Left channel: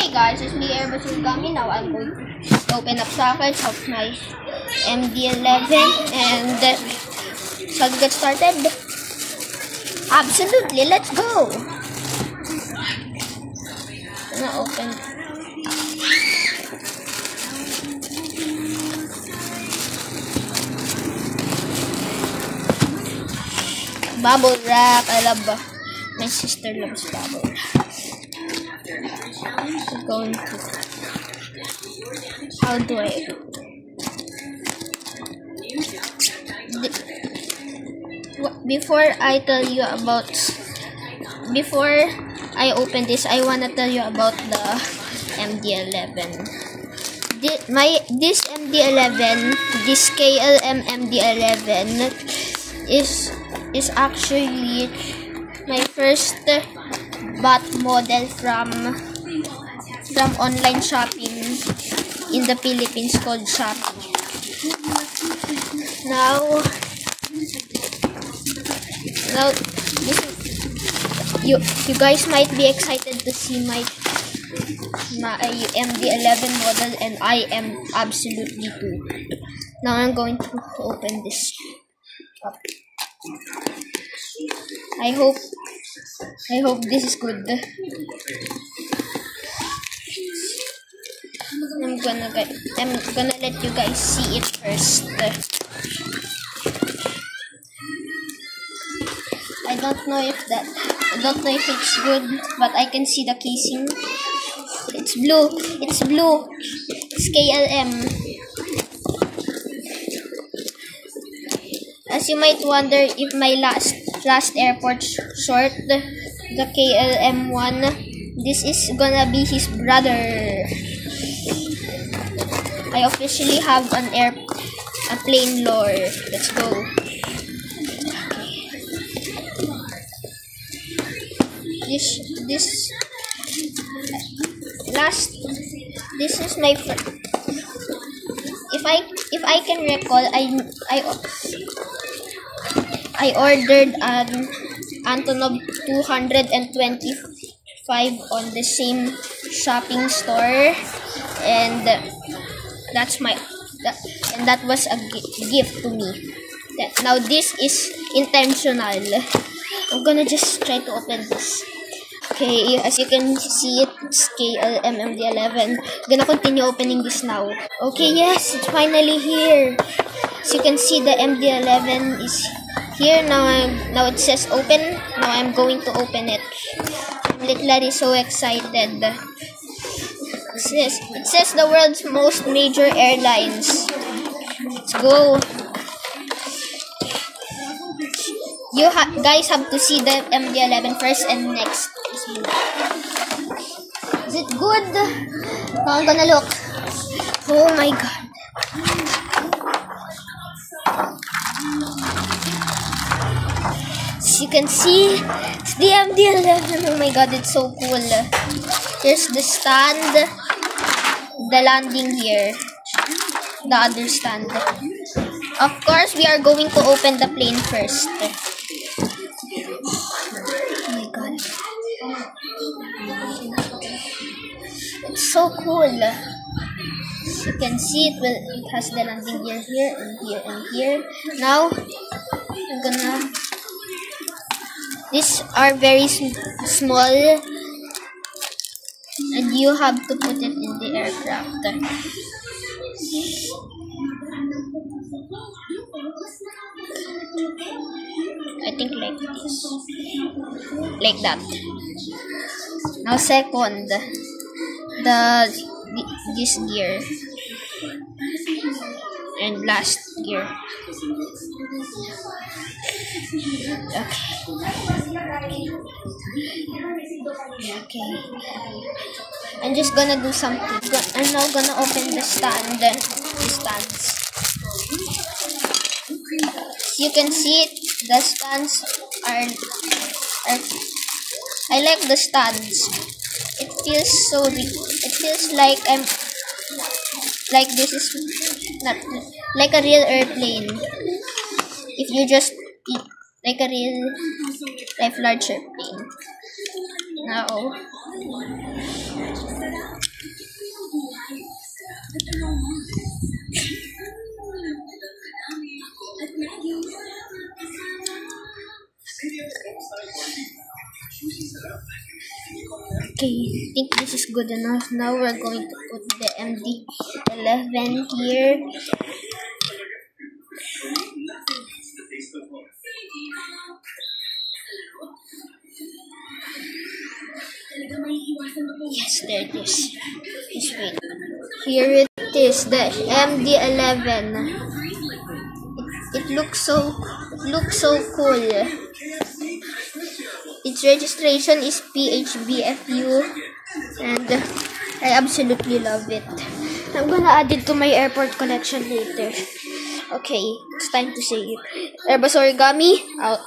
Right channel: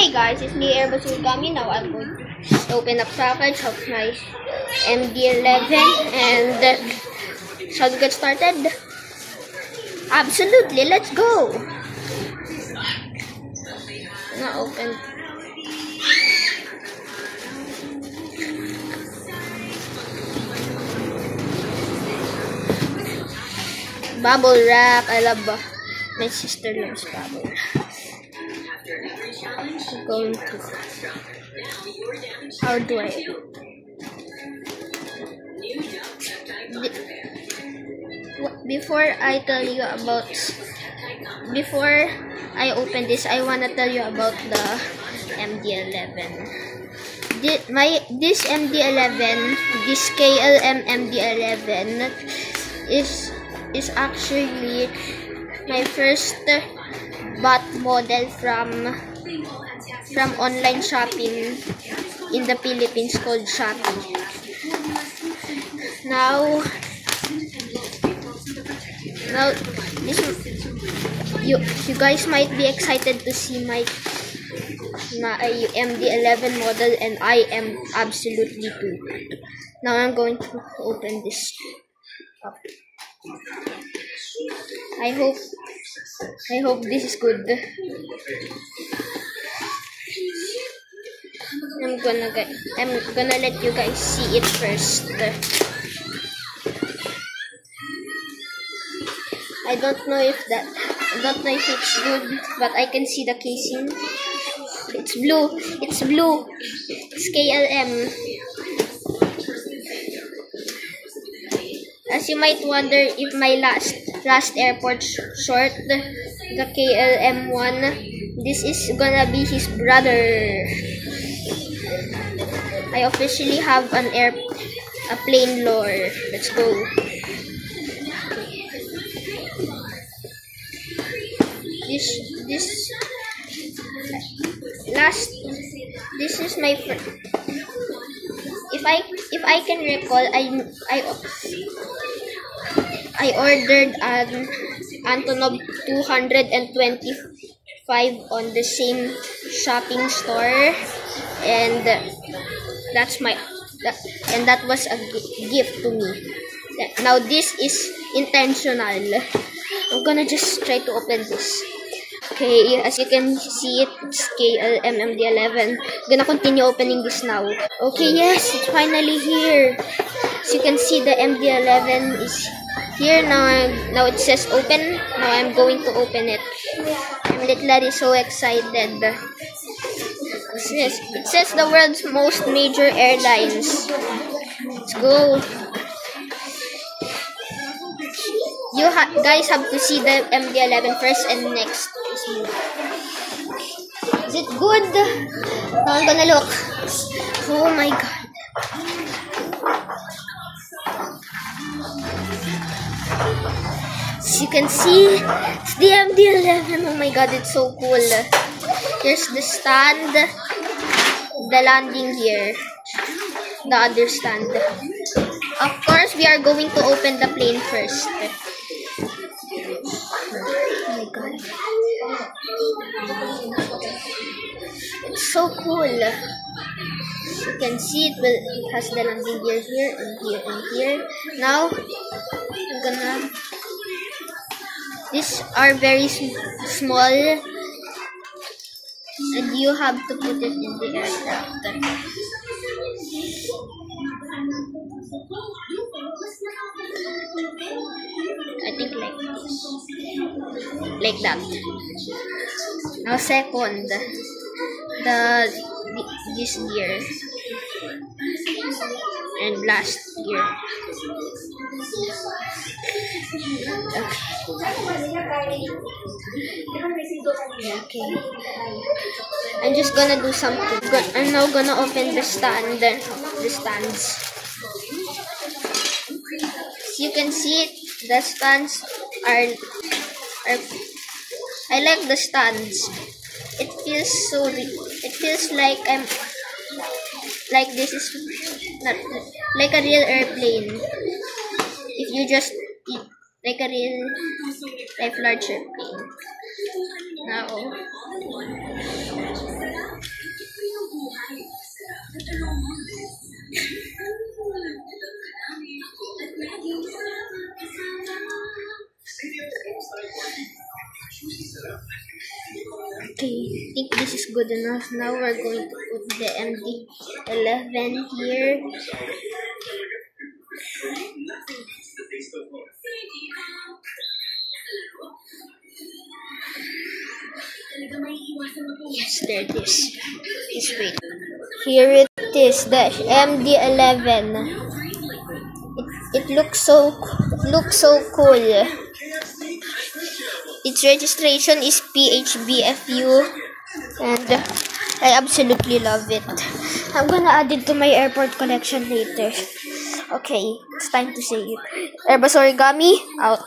Hey guys, it's me Airbus Gami. Now I'm going to open up package of my MD11 and shall we get started? Absolutely, let's go! I'm gonna open. Bubble wrap. I love my sister loves bubble wrap. Going to, how do I before I open this, I wanna tell you about the MD11. This MD11, this KLM MD11 is actually my first bought model from online shopping in the Philippines called Shopee. Now this, you guys might be excited to see my MD11 model, and I am absolutely too. Now I'm going to open this up. I hope this is good. I'm gonna let you guys see it first. I don't know if it's good, but I can see the casing. It's blue. It's KLM. As you might wonder if my last airport short, the KLM one, this is gonna be his brother. I officially have a plane lore. Let's go. Okay. This is my friend. If I can recall, I ordered an Antonov 225 on the same shopping store, and that was a gift to me. Now this is intentional. I'm gonna just try to open this. Okay, as you can see, it's KLM MD11. I'm gonna continue opening this now. Okay, yes, it's finally here. As you can see, the MD11 is here now. Now it says open. Now I'm going to open it. I'm literally so excited. It says the world's most major airlines. Let's go. You guys have to see the MD11 first, and next is me. Is it good? Now I'm gonna look. Oh my god. As you can see, it's the MD11. Oh my god, it's so cool. Here's the stand, the landing gear, the other stand. Of course, we are going to open the plane first. Oh my god. It's so cool. You can see it has the landing gear here and here and here. Now, these are very small, and you have to put it in the aircraft. I think like this, like that. Now second, this gear, and last gear. Okay. I'm just gonna do something. I'm now gonna open the stands. You can see it. The stands are I like the stands. It feels so big. It feels like this is not like a real airplane. If you just like a real life large airplane. Now Okay, I think this is good enough. Now we're going to put the MD11 here. Yes, there it is. Just wait. Here it is, the MD11. It looks so cool. Its registration is PHBFU, and I absolutely love it. I'm gonna add it to my airport collection later. Okay, it's time to say it. Airbus Origami out.